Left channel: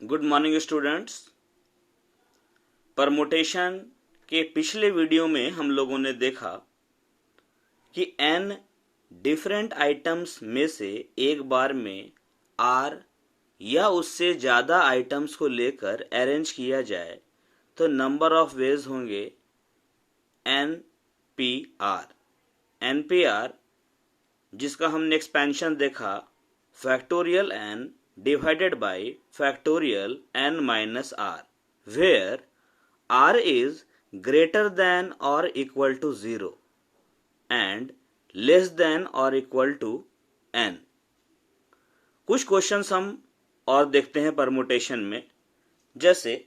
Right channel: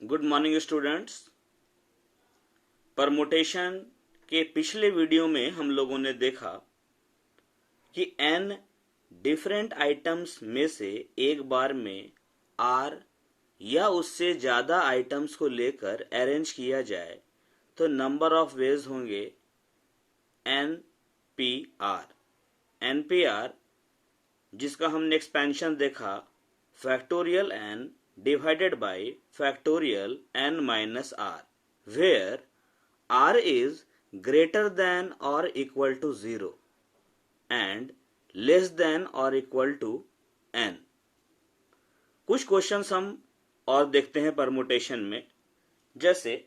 Good morning students. Permutation के पिछले video में हम लोगों ने देखा कि n डिफरेंट आइटम्स में से एक बार में r या उससे ज्यादा आइटम्स को लेकर अरेंज किया जाए तो नंबर ऑफ वेज होंगे NPR। NPR जिसका हमने एक्सपेंशन देखा factorial n divided by factorial n minus r, where r is greater than or equal to 0 and less than or equal to n। कुछ क्वेश्चंस हम और देखते हैं परमुटेशन में, जैसे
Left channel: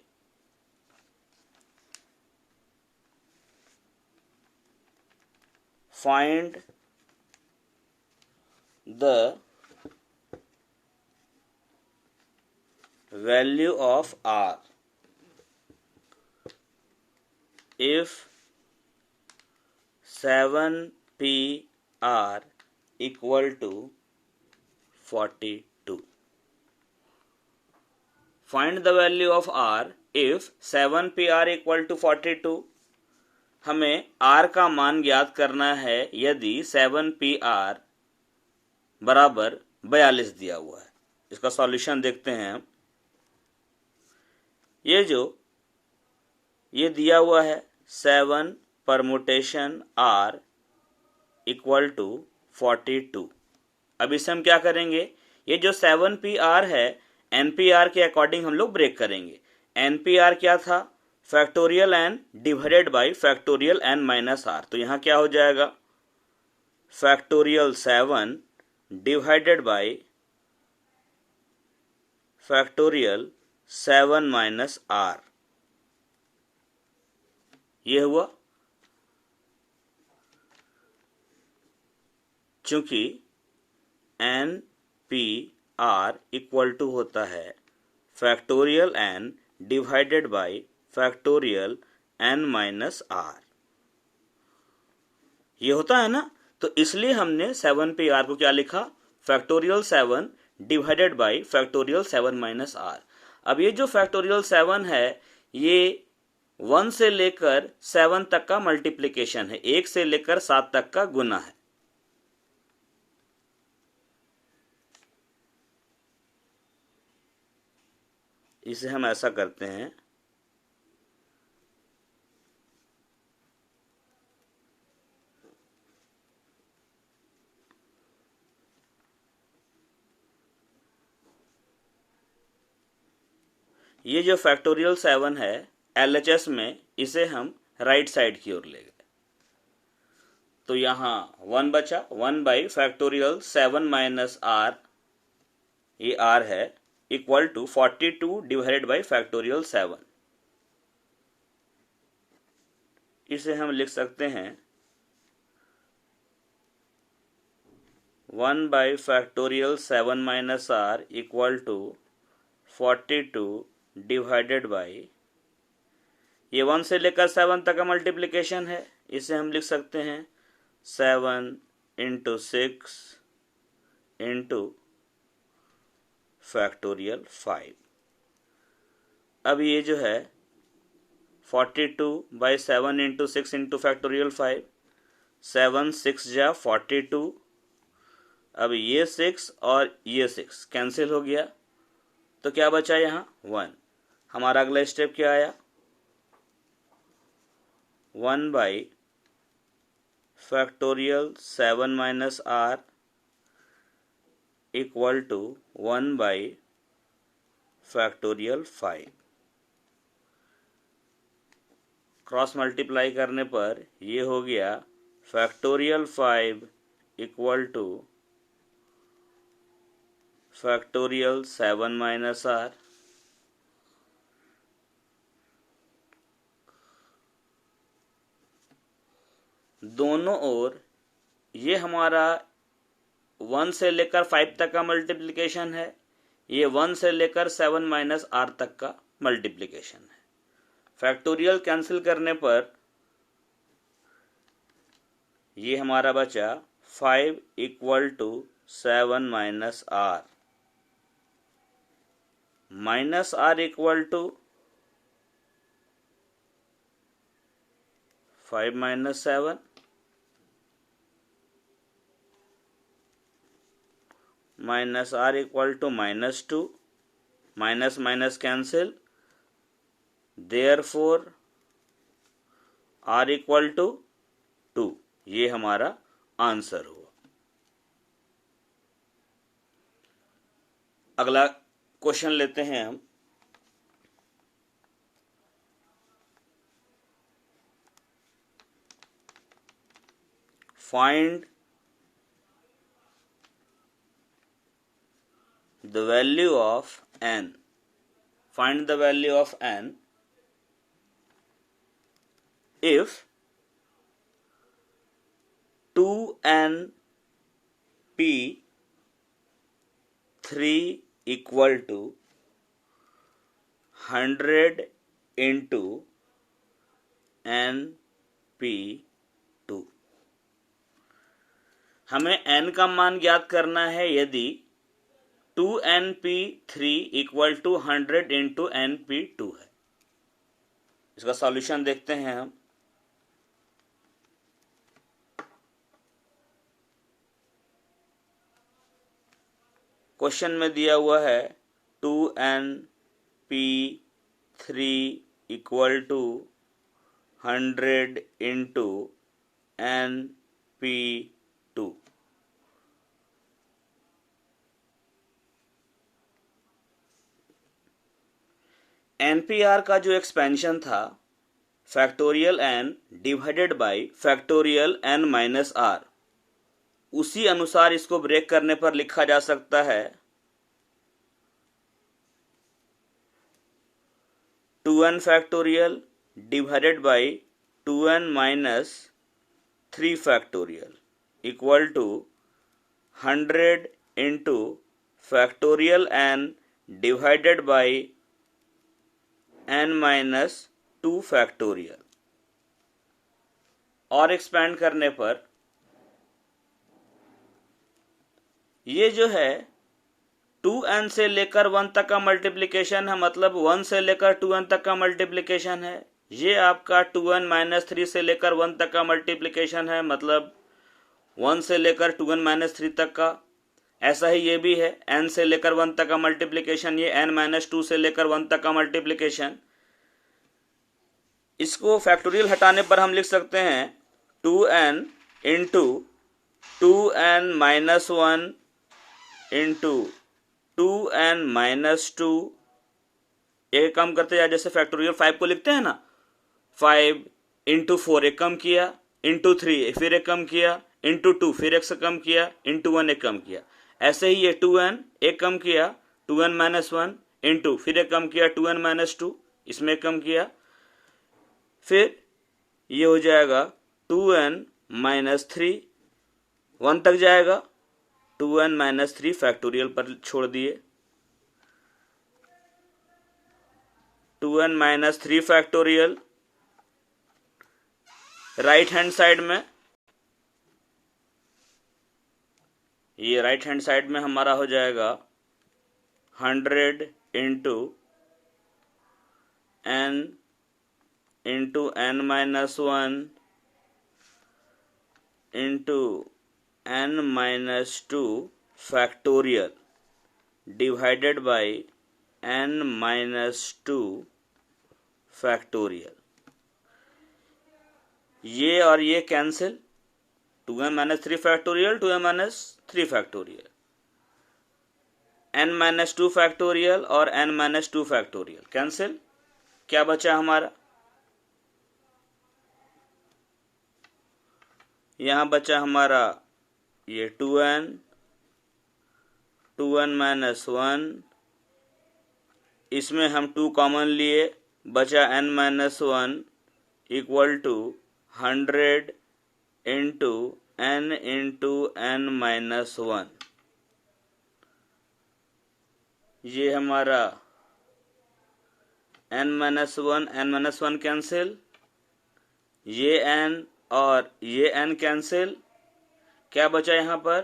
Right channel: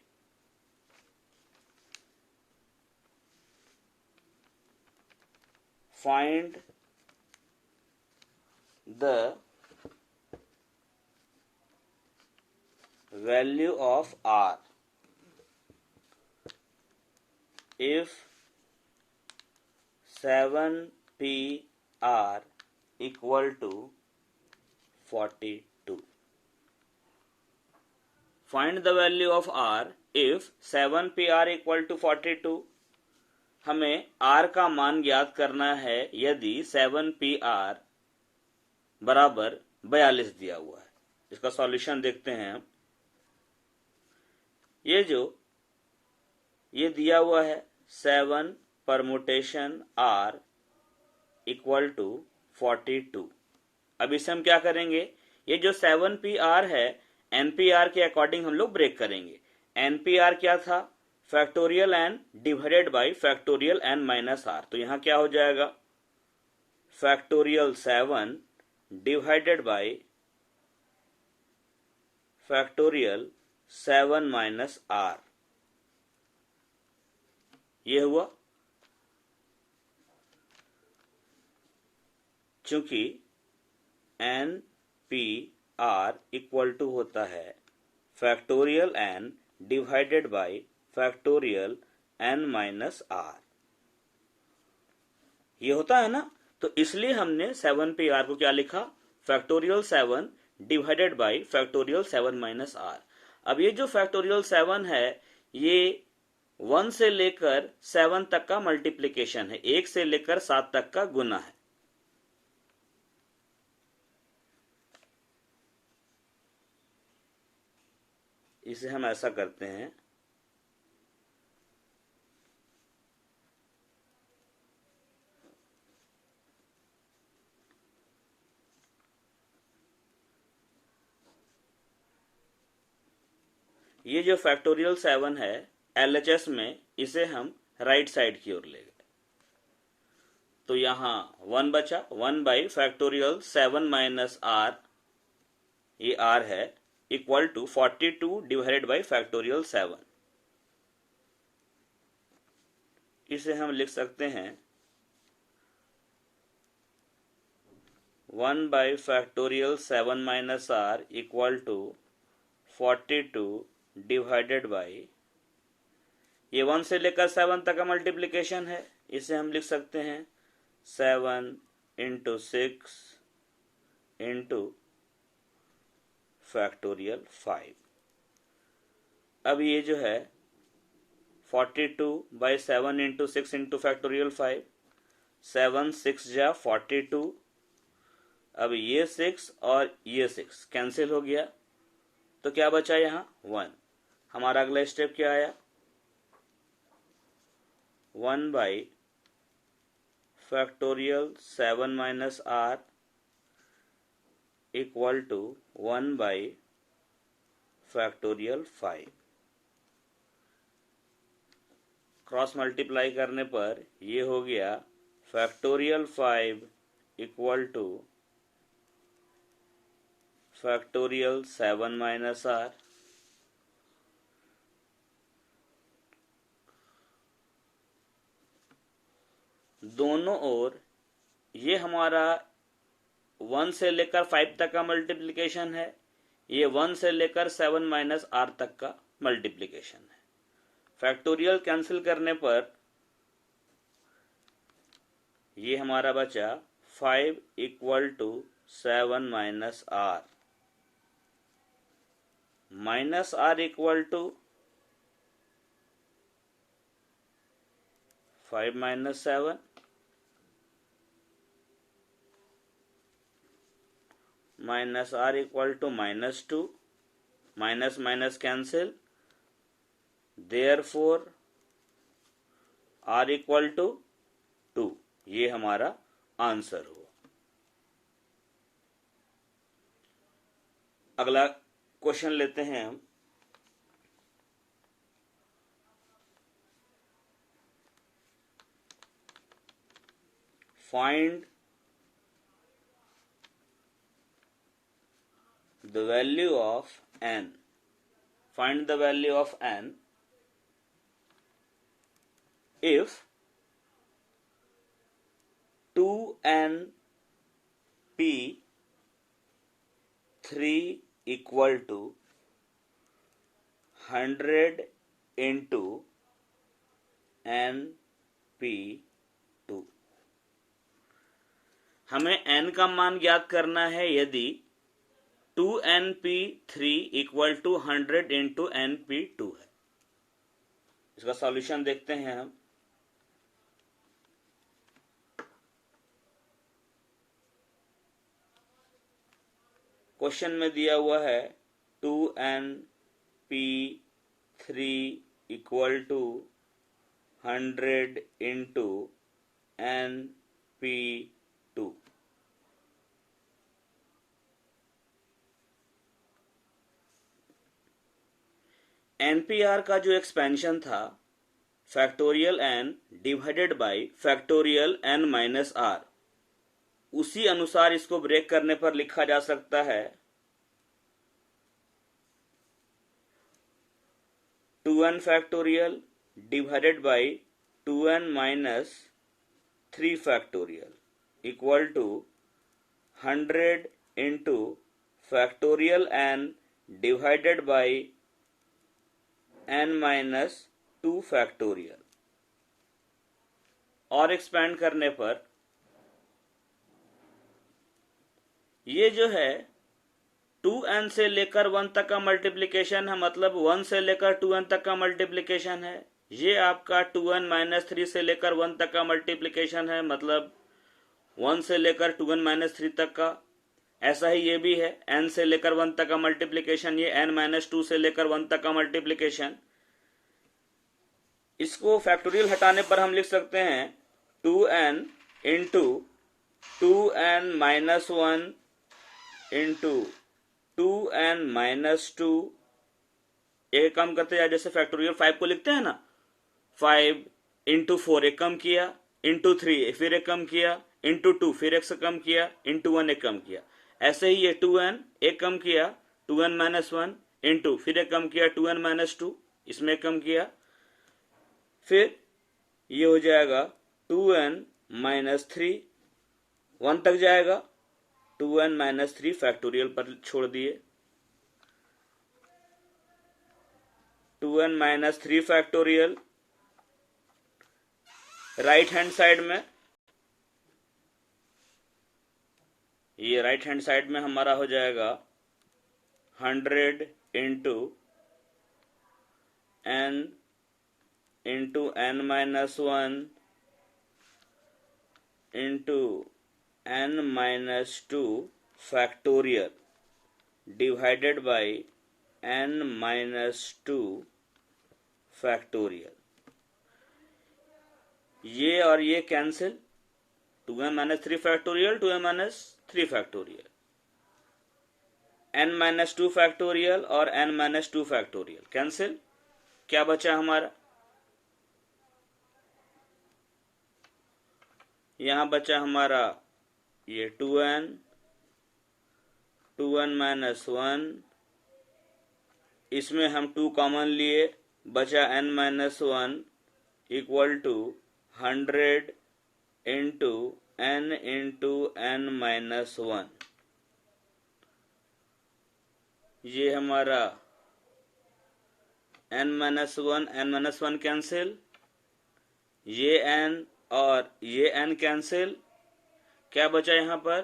find the value of r if 7pr equal to 42। find the value of r if 7pr equal to 42। हमें r का मान ज्ञात करना है यदि 7pr बराबर 42 दिया हुआ है। इसका सॉल्यूशन देखते हैं हम। ये दिया हुआ है 7 परमुटेशन r इक्वल टू 42। अब इसे हम क्या करेंगे, ये जो 7pr है npr के अकॉर्डिंग हम लोग ब्रेक करेंगे। npr क्या था, factorial n divided by factorial n minus r। तो यहाँ क्या हो जाएगा, factorial 7 divided by factorial 7 minus r। ये हुआ। चूंकि NPR इक्वल टू होता है factorial n divided by factorial n minus r, ये होता है ना। तो इसलिए हमने 7pr को क्या लिखा, factorial 7 divided by factorial 7 minus r। अब ये जो फैक्टोरियल 7 है ये 1 से लेकर 7 तक का मल्टीप्लिकेशन है, 1 से लेकर 7 तक का गुना है। इसे हम ऐसा करते हैं, ये जो फैक्टोरियल 7 है LHS में इसे हम राइट साइड की ओर ले गए। तो यहां 1 बचा, 1 बाई फैक्टोरियल 7 माइनस r, ये r है, equal to 42 divided by factorial 7। इसे हम लिख सकते हैं 1 by factorial 7 minus r equal to 42 divided by, ये 1 से लेकर 7 तक का मल्टीप्लिकेशन है। इसे हम लिख सकते हैं 7 इंटू 6 इंटू फैक्टोरियल 5। अब ये जो है 42 बाई 7 इंटू 6 इंटू फैक्टोरियल 5, 7 6 जा 42। अब ये 6 और ये 6 कैंसिल हो गया, तो क्या बचा यहाँ 1। हमारा अगला स्टेप क्या आया, 1 by factorial 7 minus r equal to 1 by factorial 5। Cross multiply करने पर ये हो गया factorial 5 equal to factorial 7 minus r। दोनों ओर ये हमारा 1 से लेकर 5 तक का मल्टीप्लिकेशन है, ये 1 से लेकर 7 माइनस r तक का मल्टीप्लिकेशन है। फैक्टोरियल कैंसिल करने पर ये हमारा बचा 5 equal to 7 minus r। Minus r equal to 5 minus 7 minus r equal to minus 2, minus minus cancel, therefore r equal to 2। ये हमारा आंसर हुआ। अगला क्वेश्चन लेते हैं हम। Find the value of n. Find the value of n if 2np 3 equal to 100 into np2। हमें n का मान ज्ञात करना है यदि 2np3 equal to 100 into np2 है। इसका सॉल्यूशन देखते हैं हम। क्वेश्चन में दिया हुआ है 2np3 equal to 100 into np2। NPR का जो एक्सपेंशन था factorial n divided bye factorial n minus r, उसी अनुसार इसको ब्रेक करने पर लिखा जा सकता है 2n factorial divided by 2n minus 3 factorial equal to 100 into factorial n divided by n minus 2 factorial. और एक्सपेंड करने पर ये जो है 2n से लेकर 1 तक का मल्टीप्लिकेशन है, मतलब 1 से लेकर 2n तक का मल्टीप्लिकेशन है। ये आपका 2n माइनस 3 से लेकर 1 तक का मल्टीप्लिकेशन है, मतलब 1 से लेकर 2n माइनस 3 तक का। ऐसा ही ये भी है n से लेकर 1 तक का मल्टीप्लिकेशन, ये n माइनस 2 से लेकर 1 तक का मल्टीप्लिकेशन। इसको फैक्टोरियल हटाने पर हम लिख सकते हैं 2n into 2n minus 1 into 2n minus 2। एक कम करते जाए, जैसे फैक्टोरियल 5 को लिखते हैं ना, 5 इंटू 4 एक कम किया, इंटू 3 फिर एक कम किया, इंटू 2 फिर एक से कम किया, इंटू 1 एक कम किया। ऐसे ही ये 2n एक कम किया, 2n माइनस 1 इंटू फिर एक कम किया 2n माइनस 2, इसमें एक कम किया, फिर ये हो जाएगा 2n माइनस 3, 1 तक जाएगा, 2n माइनस 3 फैक्टोरियल पर छोड़ दिए, 2n minus 3 factorial right hand side में। ये राइट हैंड साइड में हमारा हो जाएगा 100 into n into n minus 1 into n minus 2 factorial divided by n minus 2 factorial. ये और ये cancel, 2n minus 3 factorial 2n minus 3 factorial, n minus 2 factorial और n माइनस 2 फैक्टोरियल कैंसिल। क्या बचा हमारा? यहां बचा हमारा ये 2n माइनस 1, इसमें हम 2 कॉमन लिए, बचा n minus 1 equal to 100 into n into n minus 1। ये हमारा n माइनस 1 कैंसिल, ये n और ये n कैंसिल। क्या बचा यहाँ पर?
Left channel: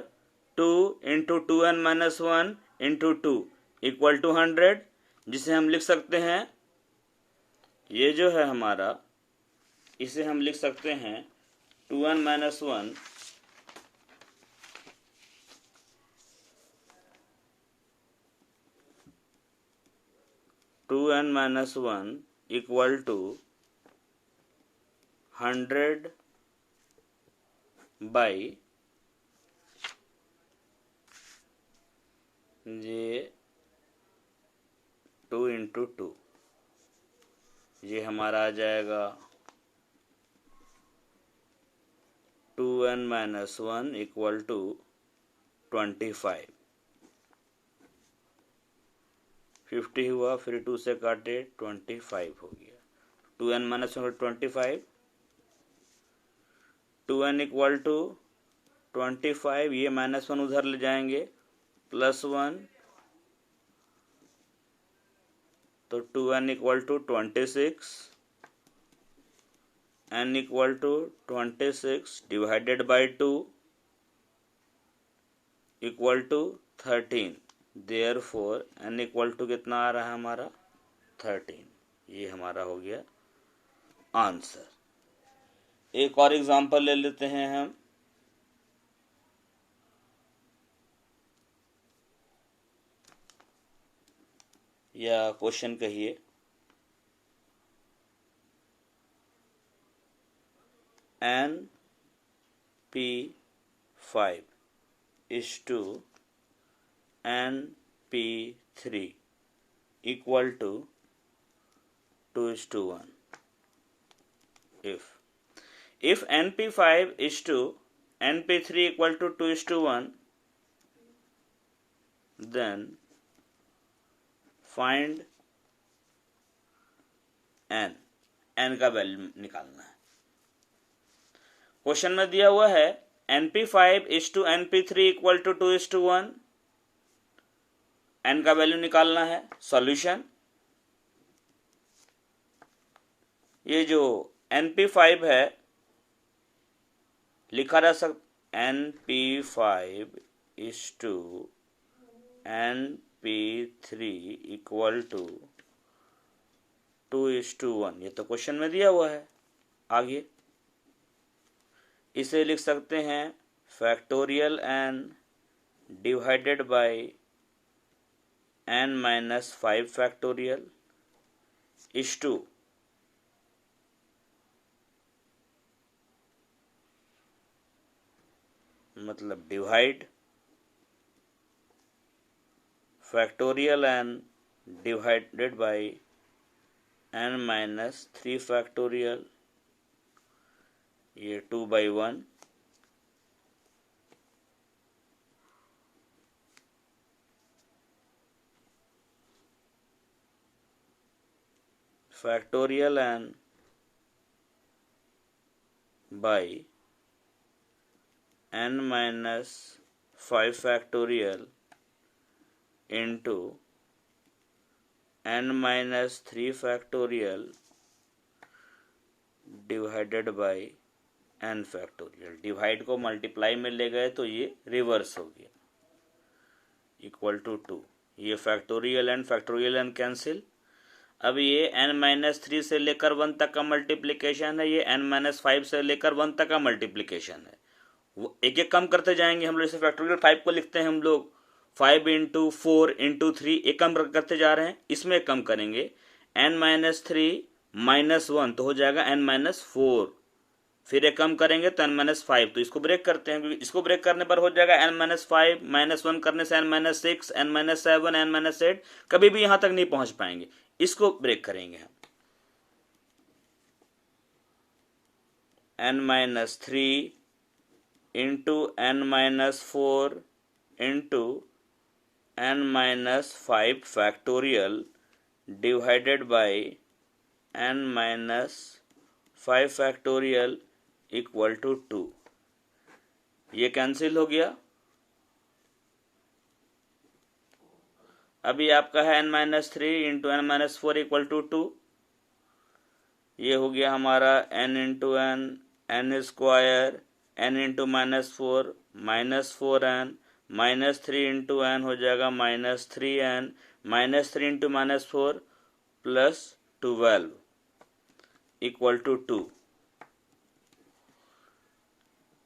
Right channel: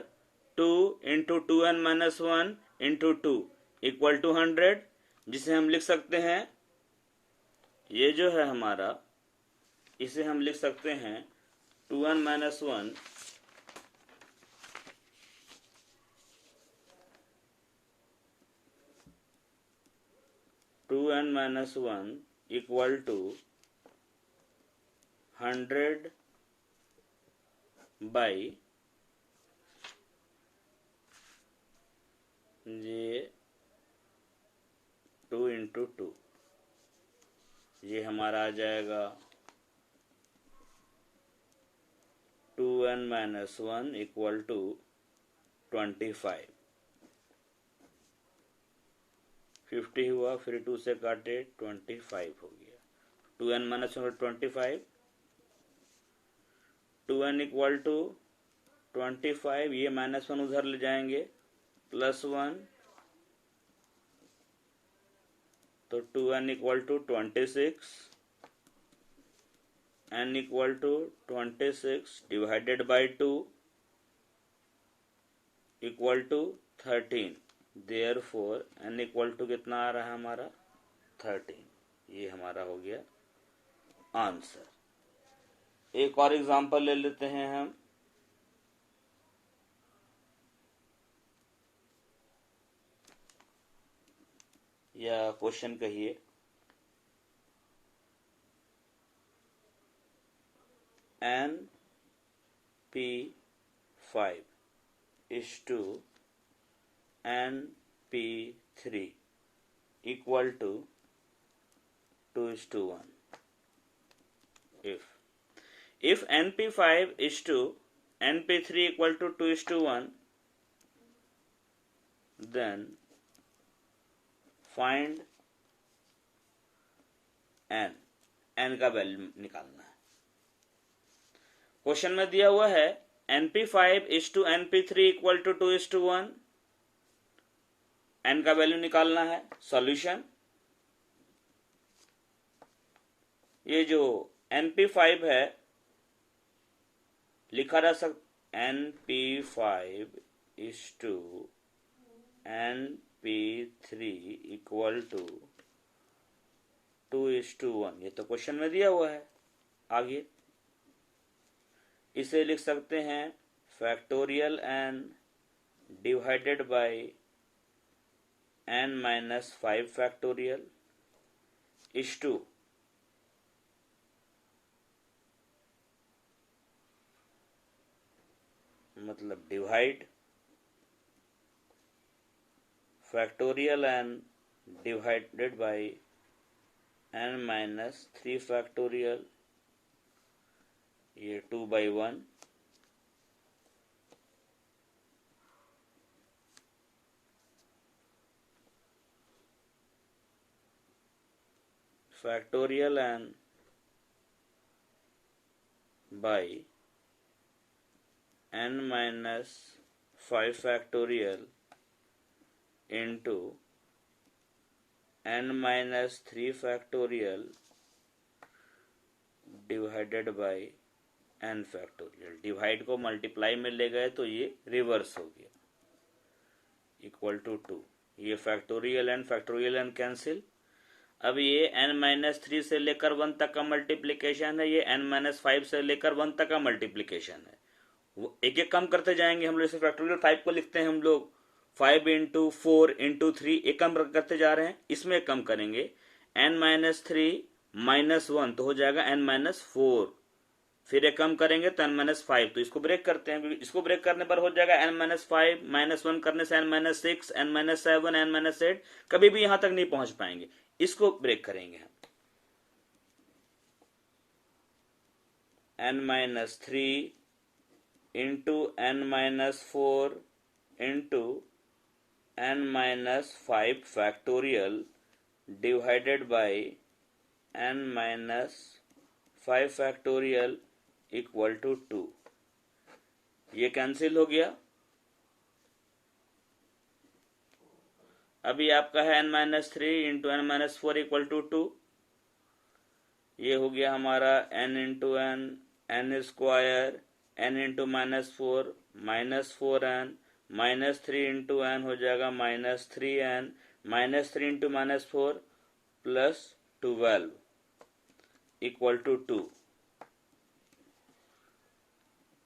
2 into 2n minus 1 into 2 equal to 100। जिसे हम लिख सकते हैं, ये जो है हमारा, इसे हम लिख सकते हैं 2n minus 1 2n minus 1 equal to 100 by ये 2 इंटू 2, ये हमारा आ जाएगा 2n माइनस 1 इक्वल टू 25। 50 हुआ, फिर 2 से काटे 25 हो गया। 2n minus 1 25, 2n equal to 25, ये माइनस 1 उधर ले जाएंगे, प्लस 1, तो 2n equal to 26, n equal to 26 divided by 2 equal to 13, therefore n equal to कितना आ रहा है हमारा 13। ये हमारा हो गया आंसर। एक और एग्जांपल ले लेते हैं हम। या क्वेश्चन कहिए, NP5 is to NP3 equal to 2:1. If NP5 is to NP3 equal to 2:1, then find n का वैल्यू निकालना है। क्वेश्चन में दिया हुआ है NP5 is to NP3 equal to 2:1, n का वैल्यू निकालना है। सॉल्यूशन, ये जो NP5 है लिखा जा सकता NP5 is to NP3 equal to 2:1, ये तो क्वेश्चन में दिया हुआ है। आगे इसे लिख सकते हैं factorial n divided by n minus 5 factorial is to मतलब divide factorial n divided by n minus 3 factorial, ये 2/1, factorial n by n minus 5 factorial into n minus 3 factorial divided by n factorial. Divide को multiply में ले गए तो ये reverse हो गया, इक्वल टू 2। ये फैक्टोरियल n कैंसिल। अब ये n माइनस 3 से लेकर 1 तक का मल्टीप्लिकेशन है, ये n माइनस 5 से लेकर 1 तक का मल्टीप्लिकेशन है। वो एक एक कम करते जाएंगे हम लोग। जैसे फैक्टोरियल 5 को लिखते हैं हम लोग 5 इंटू 4 इंटू 3, एक कम करते जा रहे हैं, इसमें कम करेंगे n माइनस 3 माइनस 1 तो हो जाएगा n माइनस 4, फिर एक कम करेंगे तो n माइनस 5, तो इसको ब्रेक करते हैं क्योंकि इसको ब्रेक करने पर हो जाएगा n माइनस 5 माइनस 1 करने से n minus 6, n minus 7, n minus 8, कभी भी यहां तक नहीं पहुंच पाएंगे। इसको ब्रेक करेंगे हम n minus 3 into n minus 4 into n minus 5 factorial divided by n minus 5 factorial equal to 2। ये कैंसिल हो गया। अभी आपका है n minus 3 into n minus 4 equal to 2। ये हो गया हमारा n into n square, n into minus 4 minus 4n, minus 3 into n हो जाएगा minus 3n, -3 into -4 plus 12 equal to 2.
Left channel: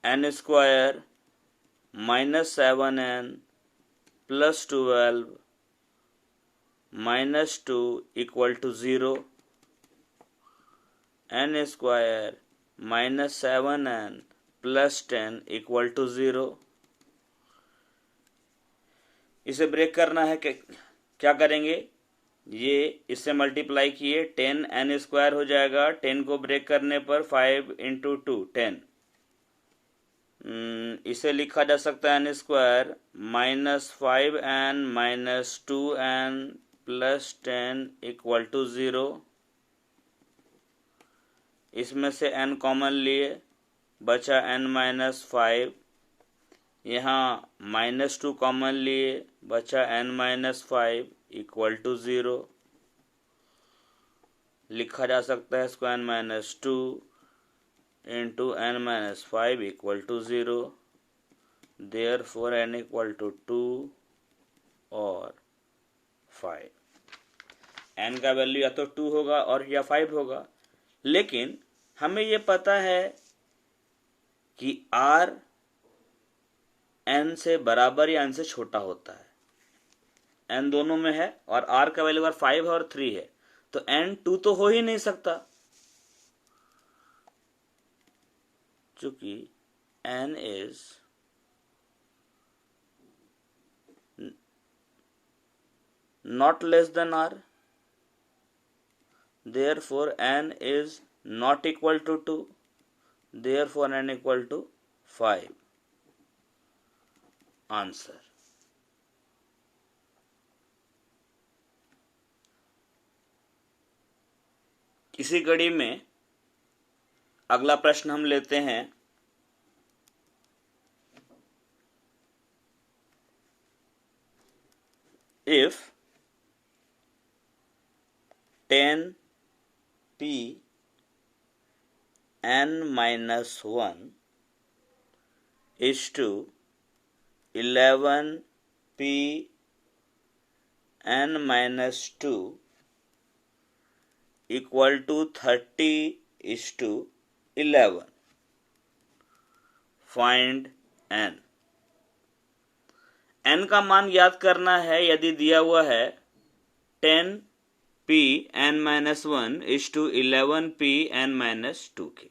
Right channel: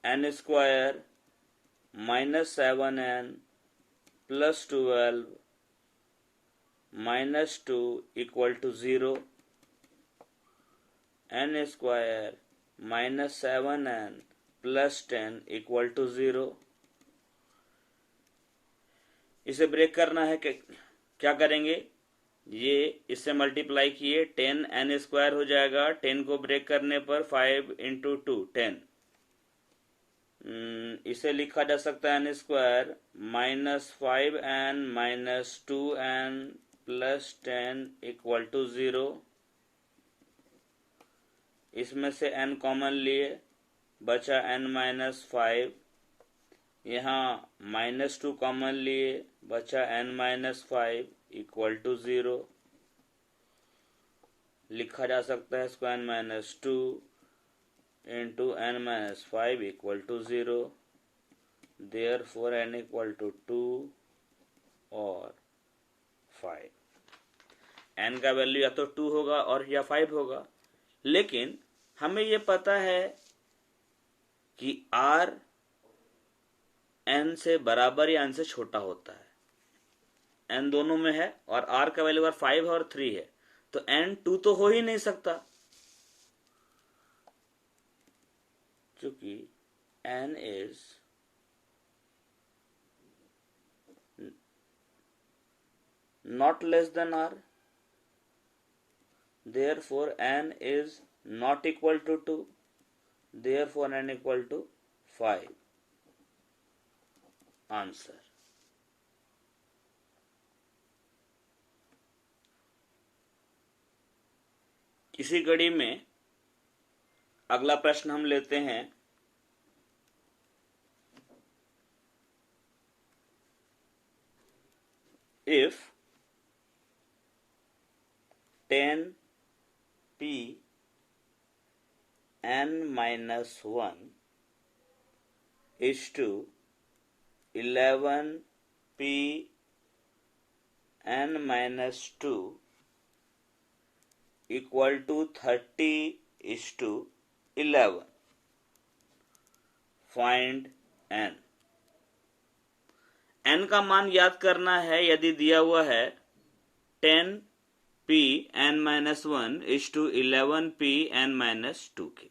n square minus 7n plus 12 minus 2 equal to 0. n square minus 7n plus 10 equal to 0. इसे break करना है, क्या करेंगे, ये इससे multiply किए 10 n स्क्वायर हो जाएगा। 10 को ब्रेक करने पर 5 इंटू 2 10। इसे लिखा जा सकता है n square minus 5n minus 2n plus 10 equal to 0। इसमें से n कॉमन लिए, बचा n माइनस 5। यहाँ -2 कॉमन लिए, बचा n माइनस 5 इक्वल टू 0। लिखा जा सकता है इसको n minus 2 into n minus 5 equal to 0। Therefore n equal to 2 और 5। n का वैल्यू या तो 2 होगा और या 5 होगा, लेकिन हमें ये पता है कि r n से बराबर या n से छोटा होता है। n दोनों में है और r का वैल्यू 5 है और 3 है, तो n 2 तो हो ही नहीं सकता, चूंकि n is not less than r, therefore n is not equal to 2, therefore n equal to 5. Answer. इसी कड़ी में अगला प्रश्न हम लेते हैं। If 10p n minus 1 is to 11p n minus 2 equal to 30 is to 11. Find n. n का मान याद करना है। यदि दिया हुआ है 10p n minus 1 is to 11p n minus 2 के,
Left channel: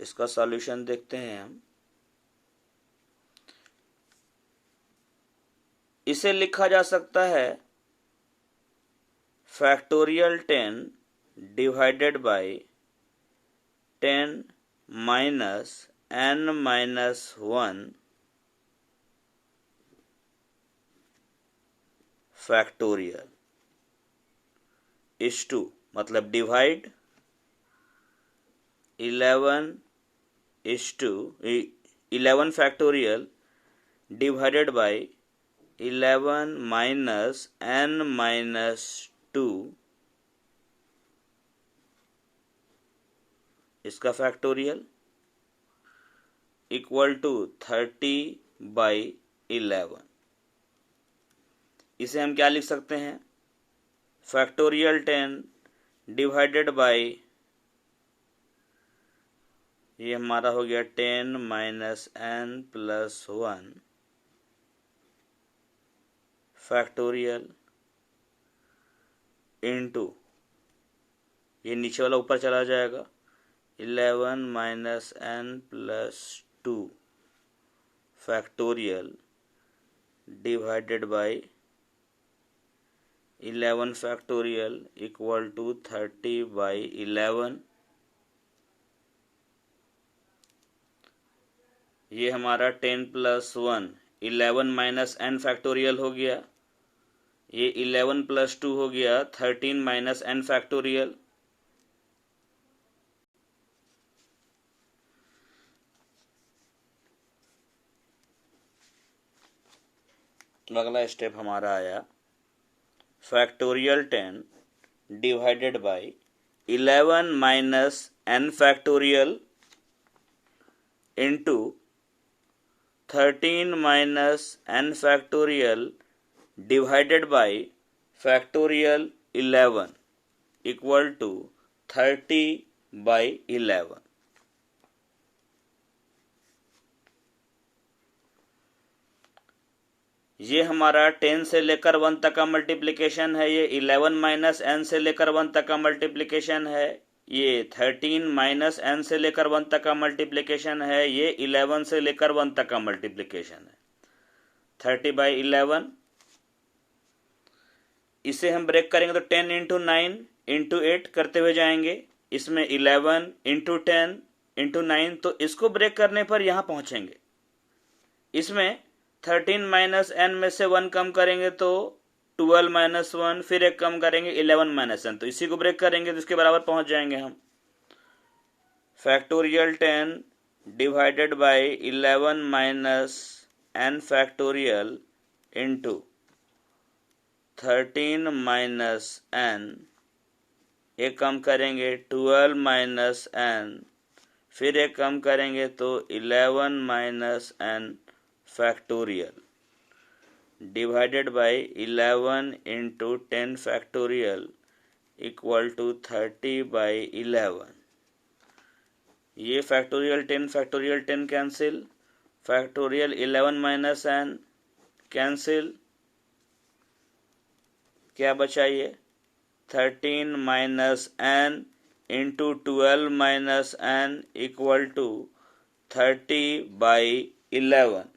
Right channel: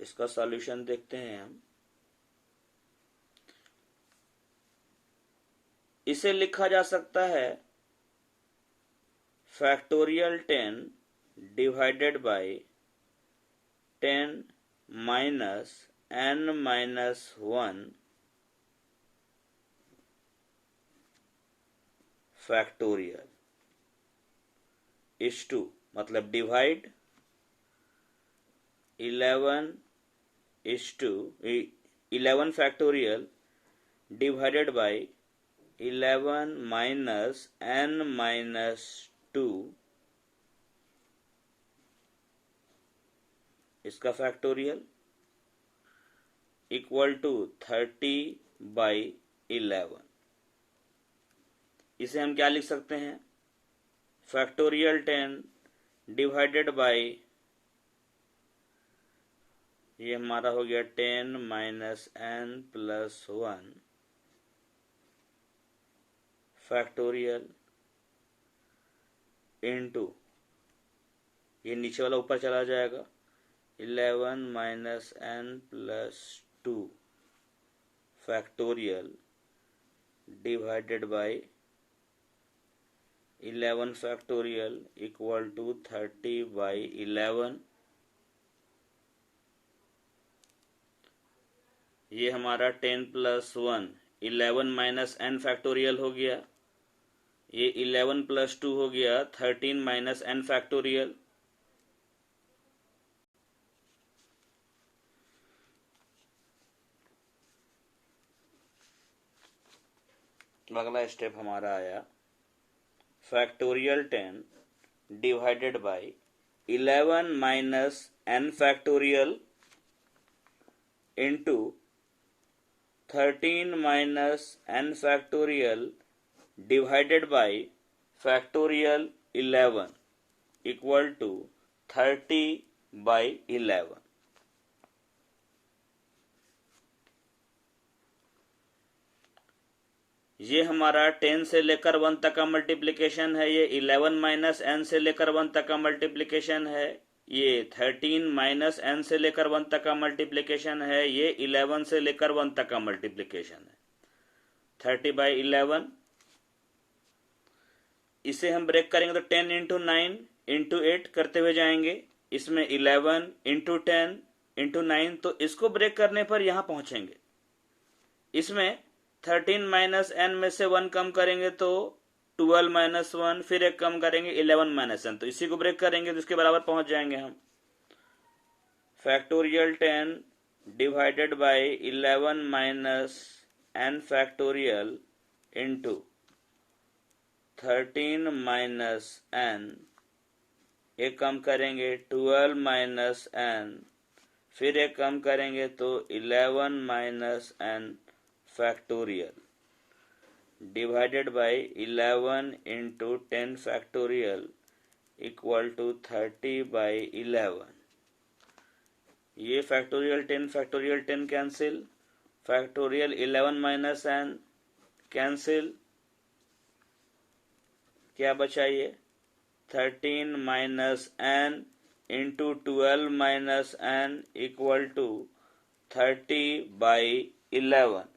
इसका सॉल्यूशन देखते हैं हम। इसे लिखा जा सकता है factorial 10 divided by 10 minus n minus 1 factorial is to, मतलब divide 11 is to 11 factorial divided by 11 minus n minus 2, इसका फैक्टोरियल इक्वल टू 30 by 11। इसे हम क्या लिख सकते हैं, फैक्टोरियल 10 डिवाइडेड बाय, ये हमारा हो गया 10 minus n plus 1 factorial into, ये नीचे वाला ऊपर चला जाएगा, 11 minus n plus 2 factorial divided by 11 factorial equal to 30 by 11। ये हमारा 10 प्लस 1 11 माइनस n फैक्टोरियल हो गया, ये 11 प्लस 2 हो गया 13 माइनस n फैक्टोरियल। अगला स्टेप हमारा आया factorial 10 divided by 11 minus n factorial into 13 minus n factorial divided by factorial 11 equal to 30 by 11. ये हमारा 10 से लेकर 1 तक का मल्टीप्लिकेशन है, ये 11 माइनस एन से लेकर 1 तक का मल्टीप्लिकेशन है, ये 13 माइनस एन से लेकर 1 तक का मल्टीप्लिकेशन है, ये 11 से लेकर 1 तक का मल्टीप्लिकेशन है। 30 बाई 11, इसे हम ब्रेक करेंगे तो 10 इंटू 9 इंटू 8 करते हुए जाएंगे, इसमें 11 इंटू 10 इंटू 9, तो इसको ब्रेक करने पर यहां पहुंचेंगे। इसमें 13 माइनस एन में से 1 कम करेंगे तो 12 माइनस 1, फिर एक कम करेंगे 11 माइनस एन, तो इसी को ब्रेक करेंगे तो इसके बराबर पहुंच जाएंगे हम। Factorial 10 divided by 11 minus n factorial into 13 minus n, एक कम करेंगे 12 माइनस एन, फिर एक कम करेंगे तो 11 minus n factorial divided by 11 into 10 factorial equal to 30 by 11. ये factorial 10 cancel, factorial 11 minus n cancel, क्या बचा ये 13 minus n into 12 minus n equal to 30 by 11.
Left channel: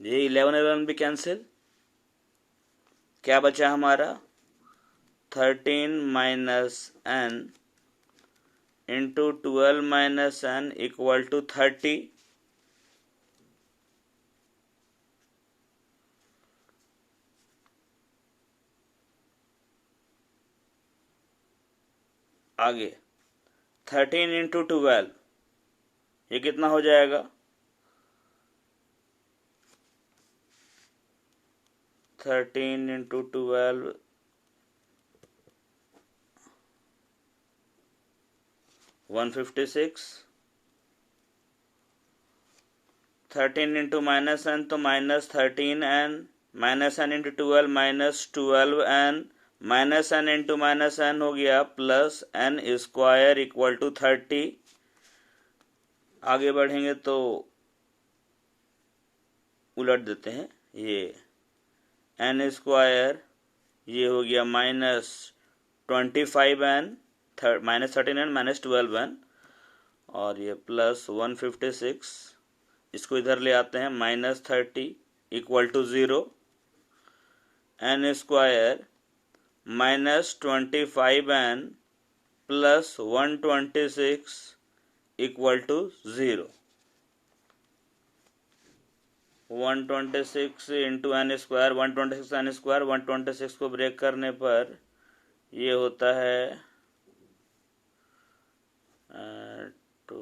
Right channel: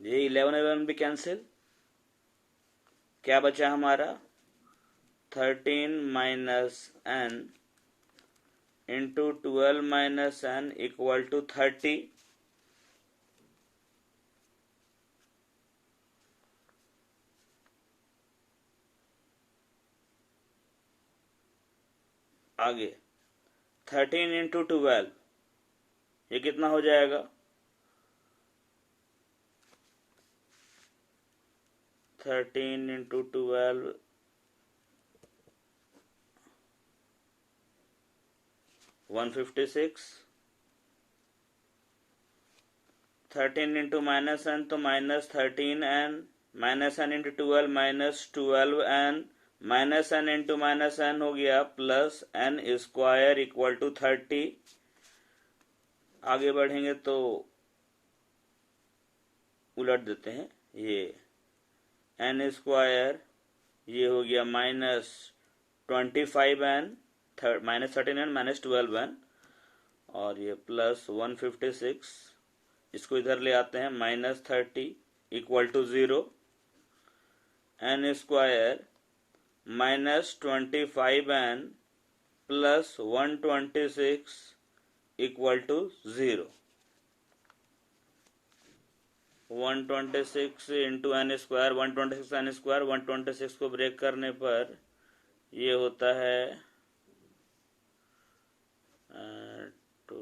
ये 11 भी कैंसिल, क्या बचा हमारा 13 minus n into 12 minus n equal to 30। आगे 13 इंटू 12, ये कितना हो जाएगा 13 इंटू 12 156, 13 इंटू माइनस एन तो minus 13n, minus n into 12 minus 12n, minus n into minus n हो गया plus n square equal to 30। आगे बढ़ेंगे तो उलट देते हैं, ये एन स्क्वायर ये हो गया minus 25n, minus 13n minus 12n, और ये प्लस 156, इसको इधर ले आते हैं minus 30 equal to 0, n square minus 25n plus 126 equal to 0। 126 into n square, 126 n square, 126 को ब्रेक करने पर ये होता है 2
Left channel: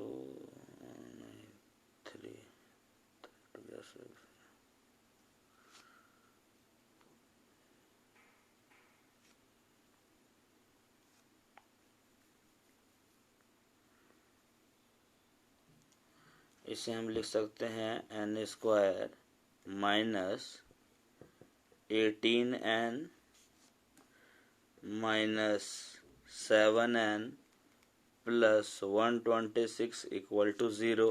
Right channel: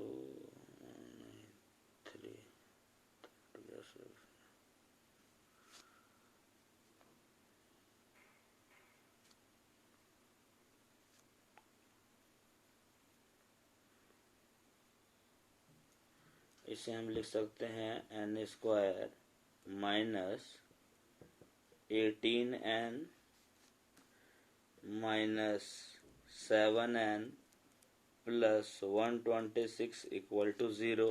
3 इसे हम लिख सकते हैं n square minus 18n minus 7n plus 126 equal to 0।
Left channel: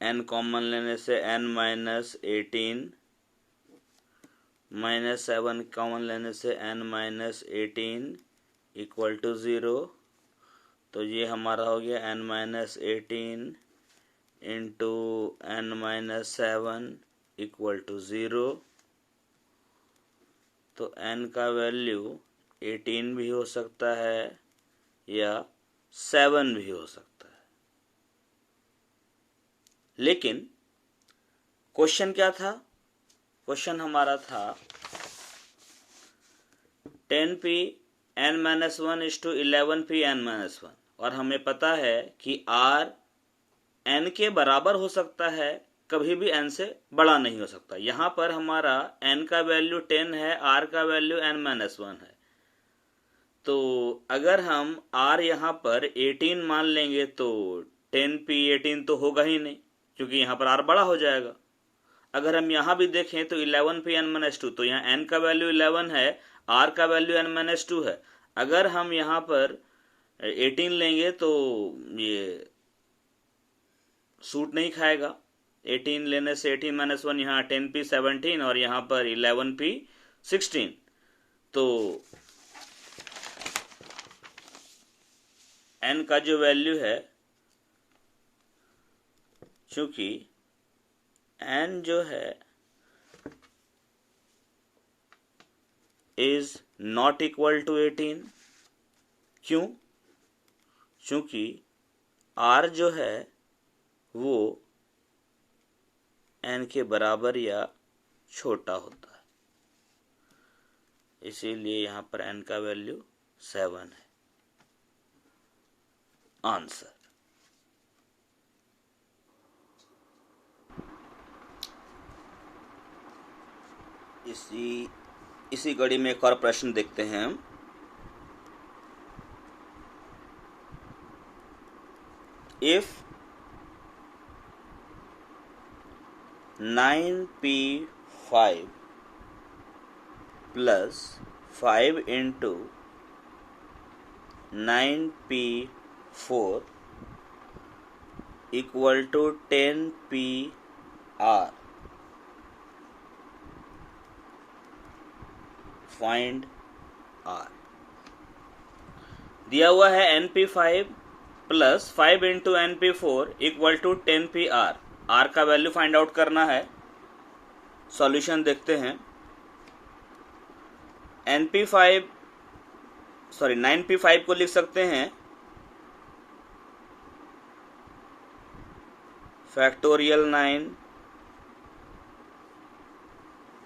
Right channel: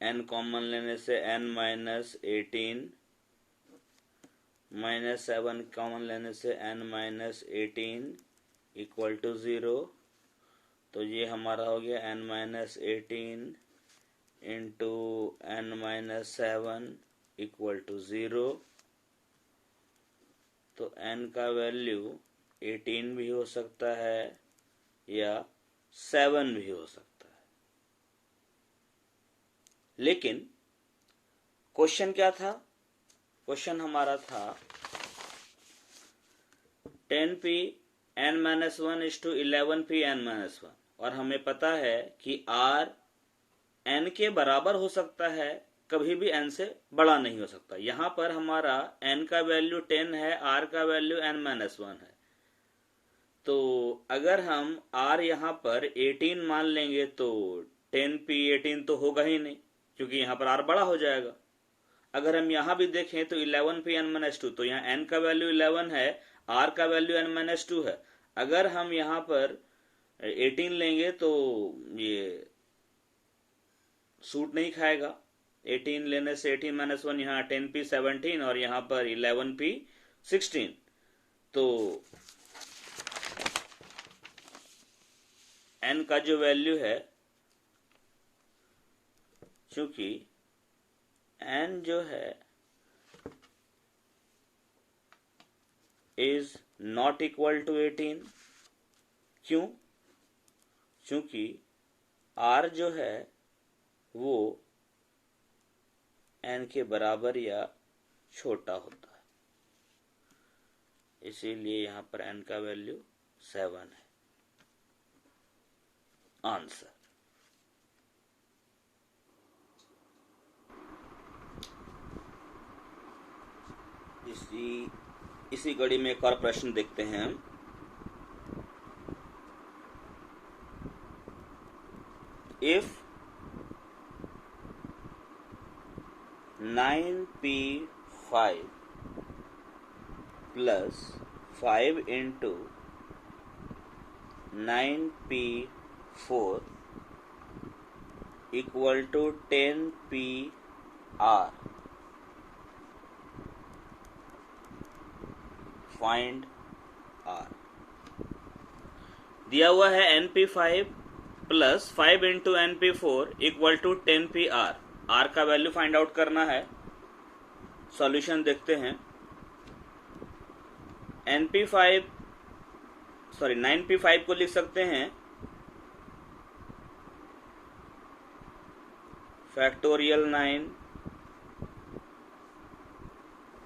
n common लेने से n माइनस 18 माइनस 7 कॉमन लेने से n माइनस 18 इक्वल टू 0। तो ये हमारा हो गया n minus 18 into n minus 7 equal to 0। तो n का वैल्यू 18 भी हो सकता है या 7 भी हो सकता है। लेकिन क्वेश्चन क्या था, क्वेश्चन हमारा था 10p n minus 1 is to 11p n minus 1, और हमें पता है कि r n के बराबर हो सकता है कभी भी n से बड़ा नहीं हो सकता। यहाँ पर हमारा n का वैल्यू 10 है, r का वैल्यू n-1 है। तो अगर हम r यहाँ पर 18 मान लेंगे तो 10p18 तो होगा ही नहीं, क्योंकि यहाँ पर r बड़ा हो जाएगा। अगर हम यहाँ भी देखें तो 11p n-2, तो यहाँ n का वैल्यू 11 है, r का वैल्यू n-2 है। अगर हम यहाँ पर 18 लेंगे तो ये सूट नहीं खाएगा। 18 लेने से 18-1, यहाँ 10p17 और यहाँ पर 11p16। तो n का जो वैल्यू है, चूंकि n जो है इज नॉट इक्वल टू 18। क्यों? चूंकि r जो है वो n के बराबर या छोटा होता है, इसीलिए यहाँ पर n का वैल्यू 7 है। आंसर। इसी कड़ी में एक और प्रश्न देखते हैं हम। If 9p5 plus 5 into 9p4 equal to 10pr, find r। दिया हुआ है np5 plus 5 into np4 equal to 10pr। r का वैल्यू फाइंड आउट करना है। सॉल्यूशन देखते हैं। 9p5 को लिख सकते हैं फैक्टोरियल 9,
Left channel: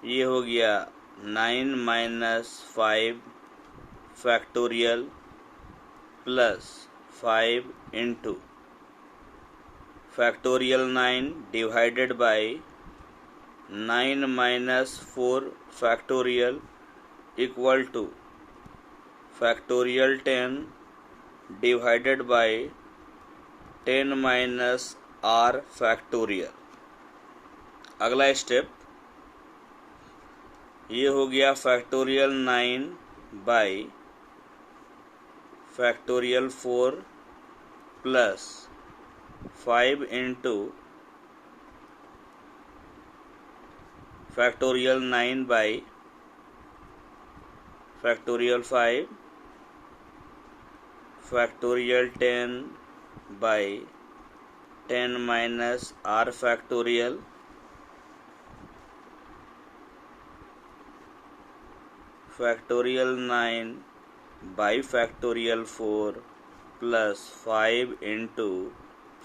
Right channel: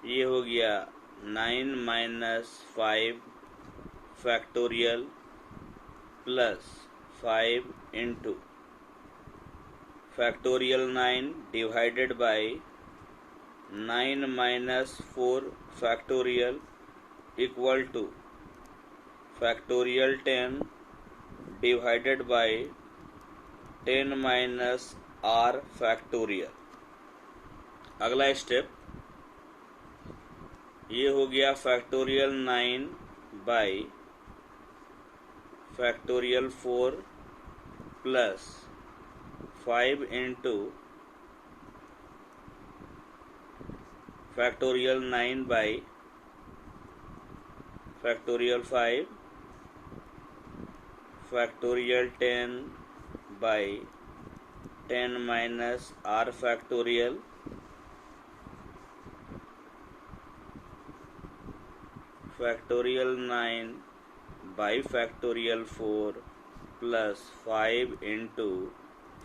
ये हो गया 9 minus 5 factorial plus 5 into factorial 9 divided by 9 minus 4 factorial equal to factorial 10 divided by 10 minus r factorial. अगला स्टेप ये हो गया factorial 9 by factorial 4 plus 5 into factorial 9 by factorial 5 factorial 10 by 10 minus r factorial factorial 9 by factorial 4 plus 5 into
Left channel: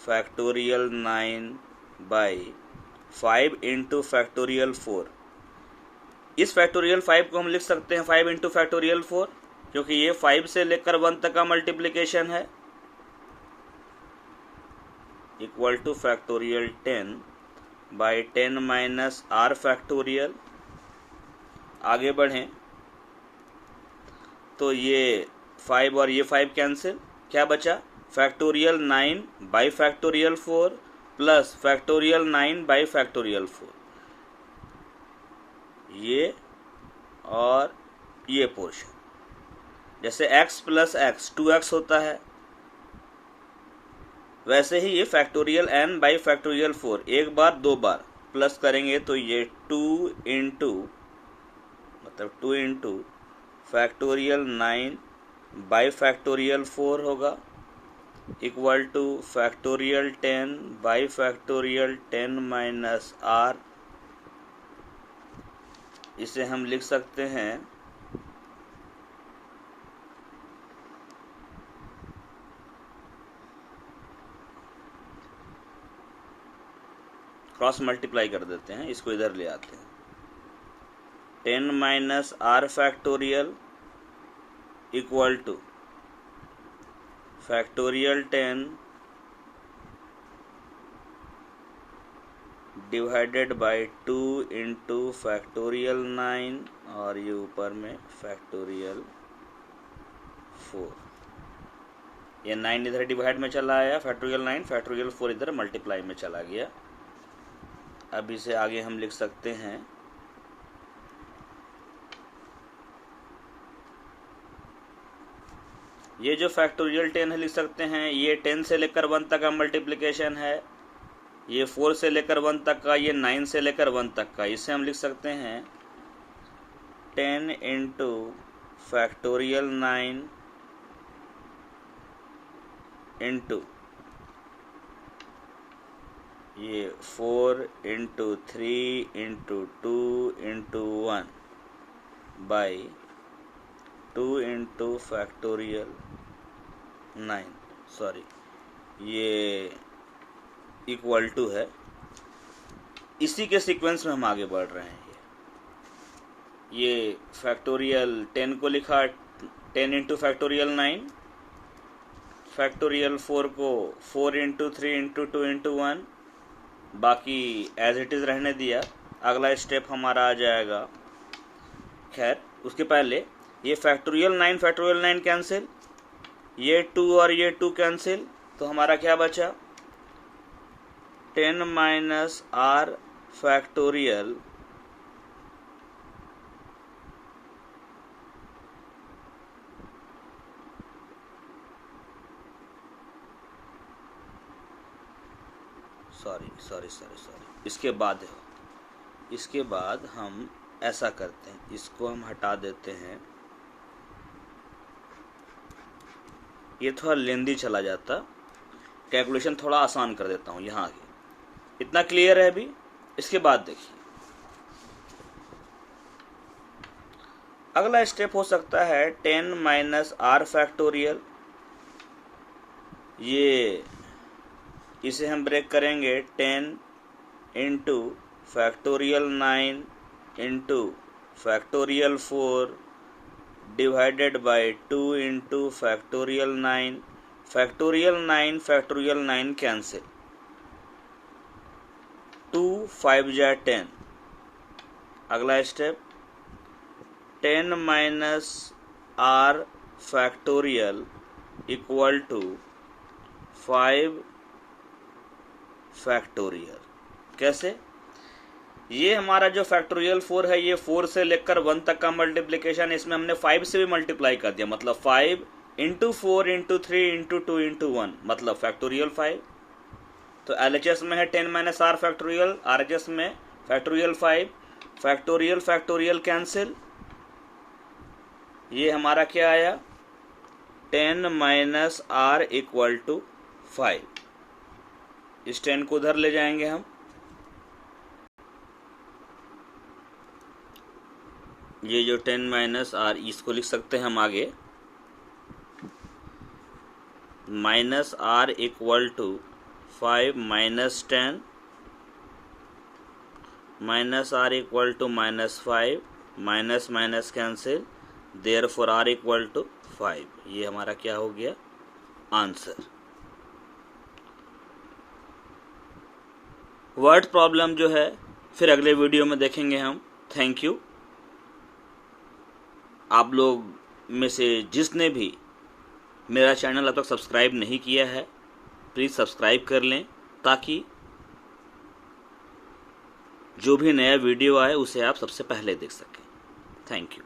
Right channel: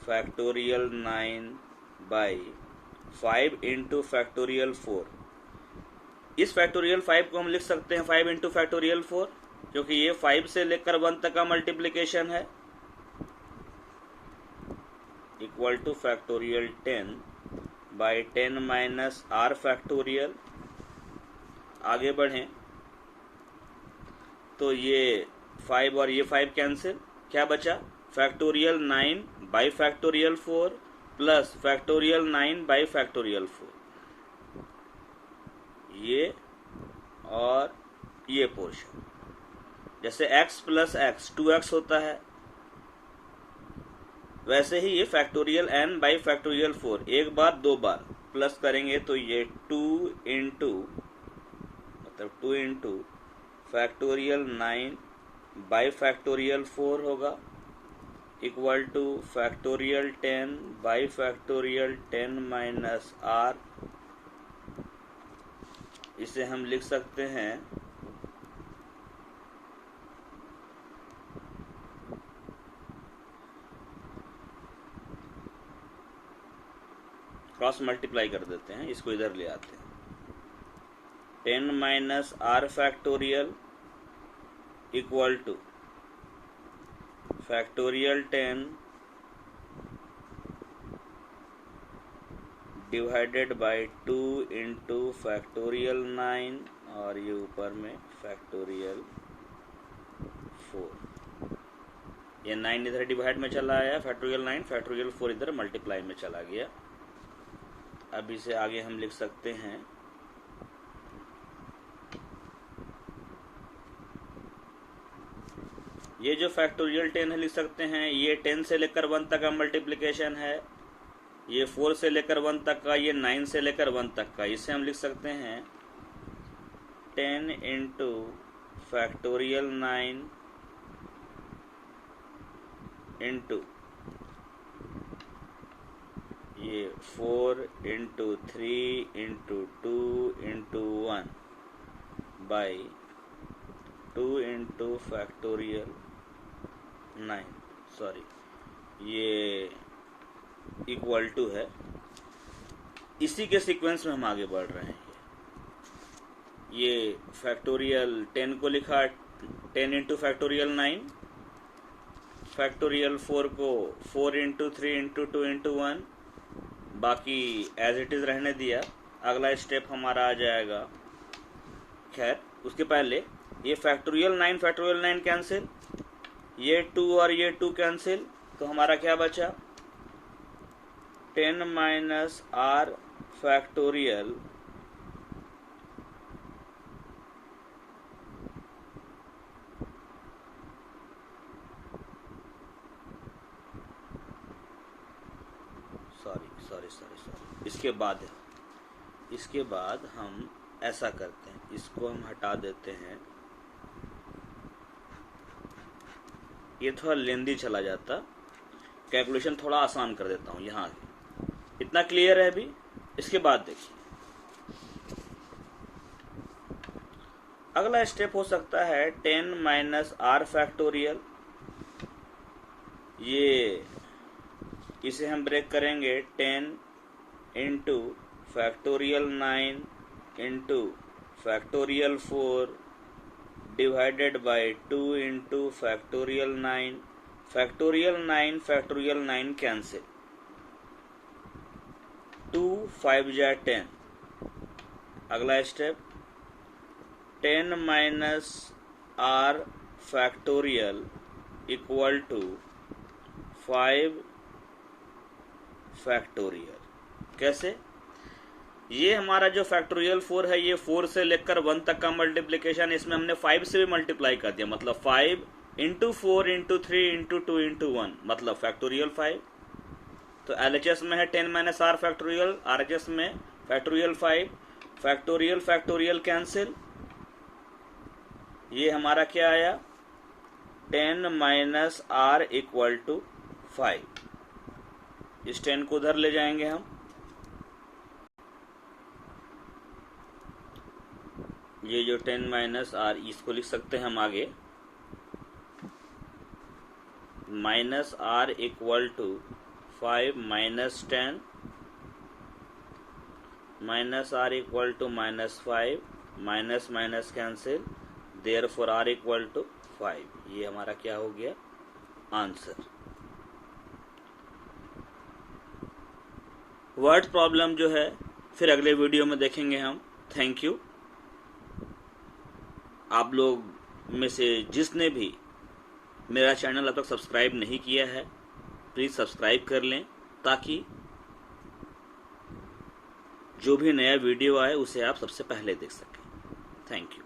factorial 9 by 5 into factorial 4। इस factorial 5 को हम लिख सकते हैं 5 इंटू फैक्टोरियल 4, क्योंकि ये 5 से लेकर 1 तक का मल्टीप्लिकेशन है, equal to factorial 10 by 10 minus r factorial. आगे बढ़ें तो ये 5 और ये 5 कैंसिल, क्या बचा? Factorial 9 by factorial 4 plus factorial 9 by factorial 4। ये और ये पोर्शन, जैसे x प्लस x 2x होता है, वैसे ही ये फैक्टोरियल n बाई फैक्टोरियल 4 एक बार 2 बार प्लस करेंगे तो ये 2 इंटू फैक्टोरियल 9 बाई फैक्टोरियल 4 होगा, equal to factorial 10 by factorial 10 minus r। इसे हम लिख सकते हैं क्रॉस मल्टीप्लाई कर देते हैं, इसको इधर ले आते हैं। 10 minus r factorial equal to factorial 10 divided by 2 into factorial 9 और ये ऊपर में फैक्टोरियल 4। ये 9 इधर डिवाइड में चला आया, फैक्टोरियल 9, फैक्टोरियल 4 इधर मल्टीप्लाई में चला गया। अब इसे आगे हम लिख सकते हैं ये जो फैक्टोरियल 10 है लिख सकते हैं, ये 10 से लेकर 1 तक का मल्टीप्लिकेशन है, ये 4 से लेकर 1 तक का, ये 9 से लेकर 1 तक का। इसे हम लिख सकते हैं 10 इंटू फैक्टोरियल 9 इंटू ये 4 into 3 into 2 into 1 by 2 into factorial 9, sorry ये इक्वल टू है। इसी के सीक्वेंस में हम आगे बढ़ रहे हैं। ये फैक्टोरियल 10 को लिखा 10 इंटू फैक्टोरियल 9, फैक्टोरियल 4 को 4 इंटू 3 इंटू 2 इंटू 1, बाकी एज इट इज रहने दिया। अगला स्टेप हमारा आ जाएगा, खैर उसके पहले ये फैक्टोरियल 9 कैंसिल, ये 2 और ये 2 कैंसिल, तो हमारा क्या बचा 10 माइनस आर फैक्टोरियल सॉरी इसके बाद हम ऐसा करते हैं, इसको हम हटा देते हैं, ये थोड़ा लेंदी चला जाता, कैलकुलेशन थोड़ा आसान कर देता हूं यहाँ आगे। इतना क्लियर है अभी? इसके बाद देखिए अगला स्टेप हो सकता है 10 माइनस आर फैक्टोरियल, ये इसे हम ब्रेक करेंगे 10 into factorial 9 into factorial 4 divided by 2 into factorial 9, factorial 9 cancel, 2 5 जा 10। अगला step 10 minus r factorial equal to 5 factorial. कैसे? ये हमारा जो फैक्टोरियल 4 है, ये 4 से लेकर 1 तक का मल्टीप्लिकेशन, इसमें हमने 5 से भी मल्टीप्लाई कर दिया, मतलब 5 इंटू 4 इंटू 3 इंटू 2 इंटू 1, मतलब फैक्टोरियल 5। तो एलएचएस में है 10 माइनस आर फैक्टोरियल, आरएचएस में फैक्टोरियल 5, फैक्टोरियल कैंसिल, ये हमारा क्या आया 10 माइनस आर इक्वल टू 5। इस 10 को उधर ले जाएंगे हम, ये जो 10 माइनस आर, इसको लिख सकते हैं हम आगे minus r equal to 5 minus 10, minus r equal to minus 5, minus minus cancel, therefore r equal to 5। ये हमारा क्या हो गया आंसर। वर्ड प्रॉब्लम जो है फिर अगले वीडियो में देखेंगे हम। Thank you. आप लोग में से जिसने भी मेरा चैनल अब तक सब्सक्राइब नहीं किया है, प्लीज़ सब्सक्राइब कर लें, ताकि जो भी नया वीडियो आए उसे आप सबसे पहले देख सकें। Thank you.